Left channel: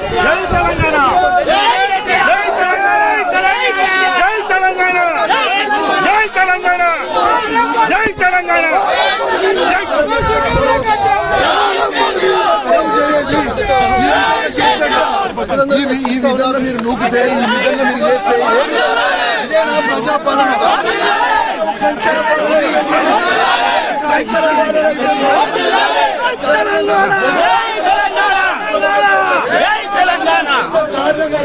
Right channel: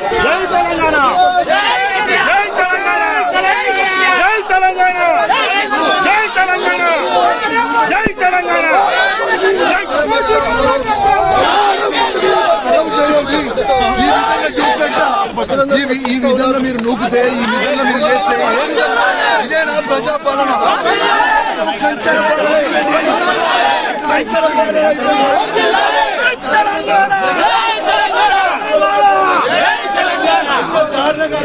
జై తెలంగాణ, జై తెలంగాణ, జై తెలంగాణ, జై తెలంగాణ. ఈ విధంగా మీరు నూపితే, ఈ విధంగా మీరు చేస్తే ఏ విధంగా ఇదేనా ప్రజాపాలన? సంచల పాలన సంచల పాలన దారుణంగా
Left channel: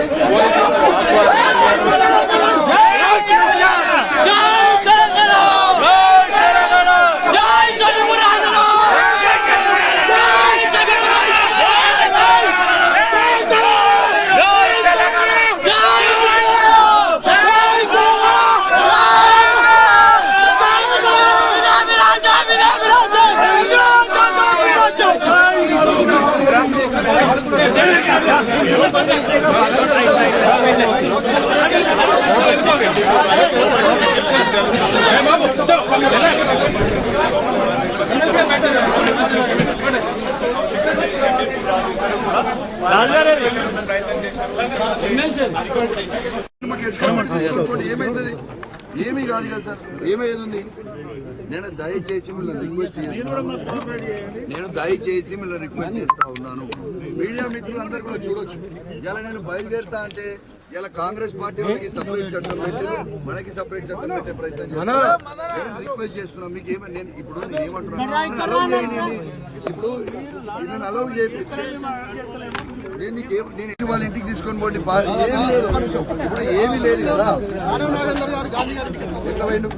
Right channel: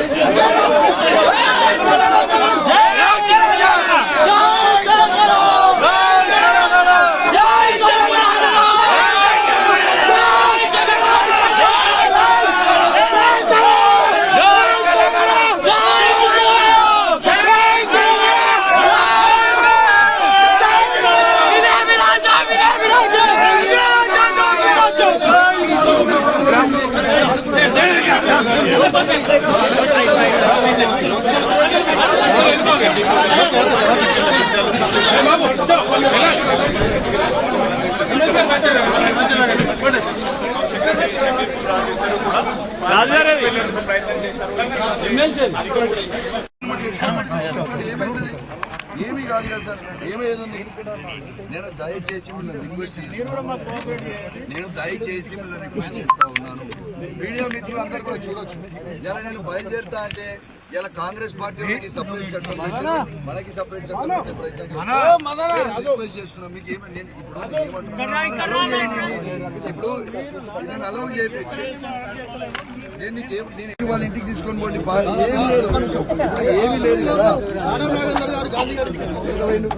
ఏమైతుంది? ఏమీ కాదు కదా సార్, ఏమయ్యేది? నేను దయచేసి మిమ్మల్ని రిక్వెస్ట్ చేస్తా ఉన్నాను. మీడియా మిత్రులందరూ కూడా చూడొచ్చు. ఇలా నేను బయలుదేరుతా అంటే ఇలా కాంగ్రెస్ పార్టీ వాళ్ళకి సపరేట్ చట్టం పెట్టారు, మనకి సపరేట్ చట్టం పెట్టే ప్రయత్నం చేస్తున్నాను. నేను రిక్వెస్ట్ చేస్తున్నాను, మీకు నేను ఏమంటున్నాను, అలౌ చేయండి. ఇప్పుడు నేను అలౌ చేయించి నేను వాళ్ళ ఇంటికి తీసుకొని పోండి. ఇప్పుడు ఏమీ లేదు కదా. ఎట్లా పోయిండు?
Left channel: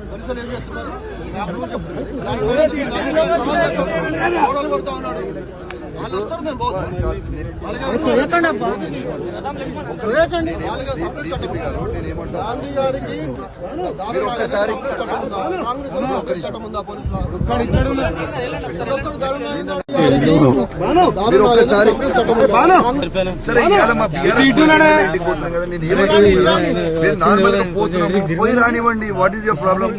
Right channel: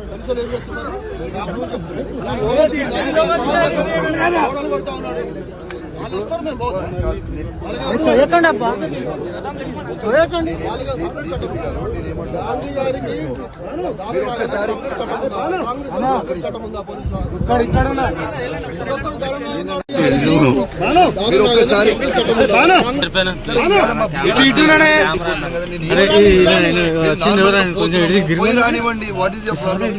డీసీపీ గారు నేనేమంటాను, మీరు ఒక్కసారి సరే ఇవాళ మా పోతున్నాం కదా, నేను ఏమంటాను, నార్మల్ గా పోతున్నాము, పోయి రానివ్వండి. What is your problem?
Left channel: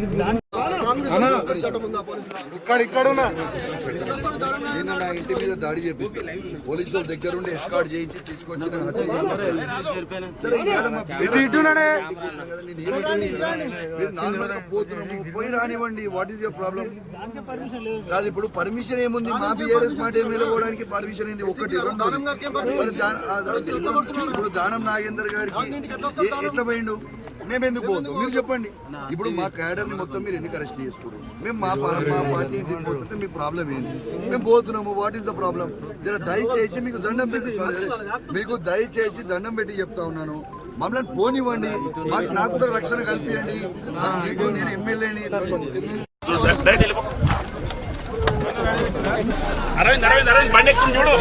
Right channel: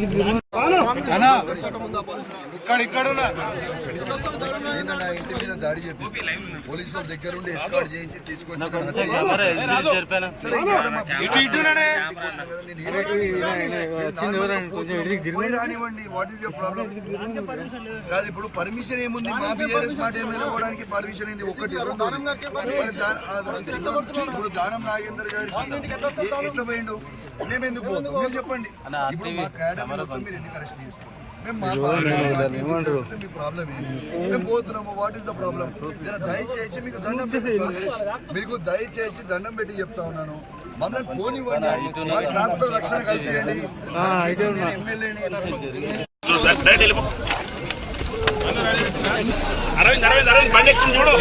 నిన్న నా ఇంటి మీద దాడి చేపిస్తే పోలీసు వాళ్ళ దగ్గర ఉండి ఎస్కార్ట్ చేయించి తీసుకొచ్చి సరే ఇవాళ మా కదా, నేను ఏమంటాను, మీరు నార్మల్ గా పోతున్నాము, పోయి రానివ్వండి. What is your problem? కాదు, ఇప్పుడు పర్మిషన్ ఏముంది? మా బీఆర్ఎస్ మాట ఏమి వెళ్ళడానికి పర్మిషన్ ఏంది? ఒకటి ఇప్పుడు దానం నాగేందర్ గారికి ఎట్లా పోయిండు? మేము ఎందుకు పోతాం? మీరు చెప్పండి. ఇప్పుడు మా క్యాడర్ మొత్తం మీరు ఎందుకు అరెస్ట్ చేస్తున్నారు? మేము మా పార్టీ ఇంటికి పోతుంటే మీ ప్రాబ్లం ఏంటి? మేము పోతున్నాము, వాట్ ఈస్ ద ప్రాబ్లం? జర దయచేసి మీకు దండం పెట్టి చెప్తా ఉన్నాను, మమ్మల్ని పోనివ్వండి. నాకు కూడా రక్షణ కల్పించండి. ఇప్పుడు నేను ఎమ్మెల్యేని. అరవింద్ బండి ఎక్కింది చూడు.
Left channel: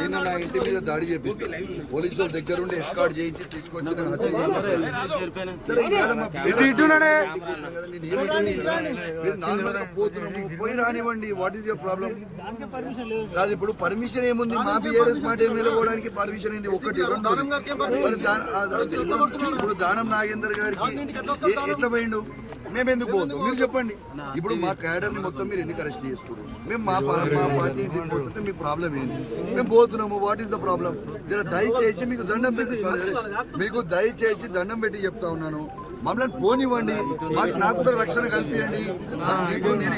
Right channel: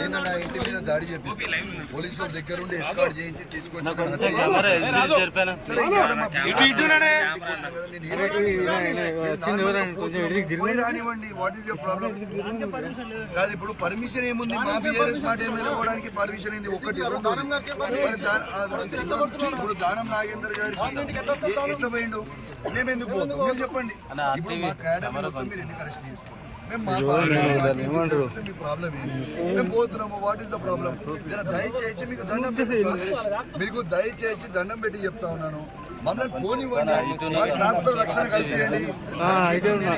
నిన్న నా ఇంటి మీద దాడి చేపిస్తే పోలీసు వాళ్ళ దగ్గర ఉండి ఎస్కార్ట్ చేయించి తీసుకొచ్చి సరే ఇవాళ మా పోతున్నాం కదా, నేను ఏమంటాను, మీరు నార్మల్ గా పోతున్నాము, పోయి రానివ్వండి. What is your problem? కాదు, ఇప్పుడు పర్మిషన్ ఏముంది? మా బీఆర్ఎస్ మాట ఏమి వెళ్ళడానికి పర్మిషన్ ఏంది? ఒకటి ఇప్పుడు దానం నాగేందర్ గారికి ఎట్లా పోయిండు? మేము ఎందుకు పోతాం? మీరు చెప్పండి. ఇప్పుడు మా క్యాడర్ మొత్తం మీరు ఎందుకు అరెస్ట్ చేస్తున్నారు? మేము మా పార్టీ ఇంటికి పోతుంటే మీ ప్రాబ్లం ఏంటి? మేము పోతున్నాము, వాట్ ఈస్ ద ప్రాబ్లం? జర దయచేసి దండం పెట్టి చెప్తా ఉన్నాను, మమ్మల్ని పోనివ్వండి. నాకు కూడా రక్షణ కల్పించండి. ఇప్పుడు నేను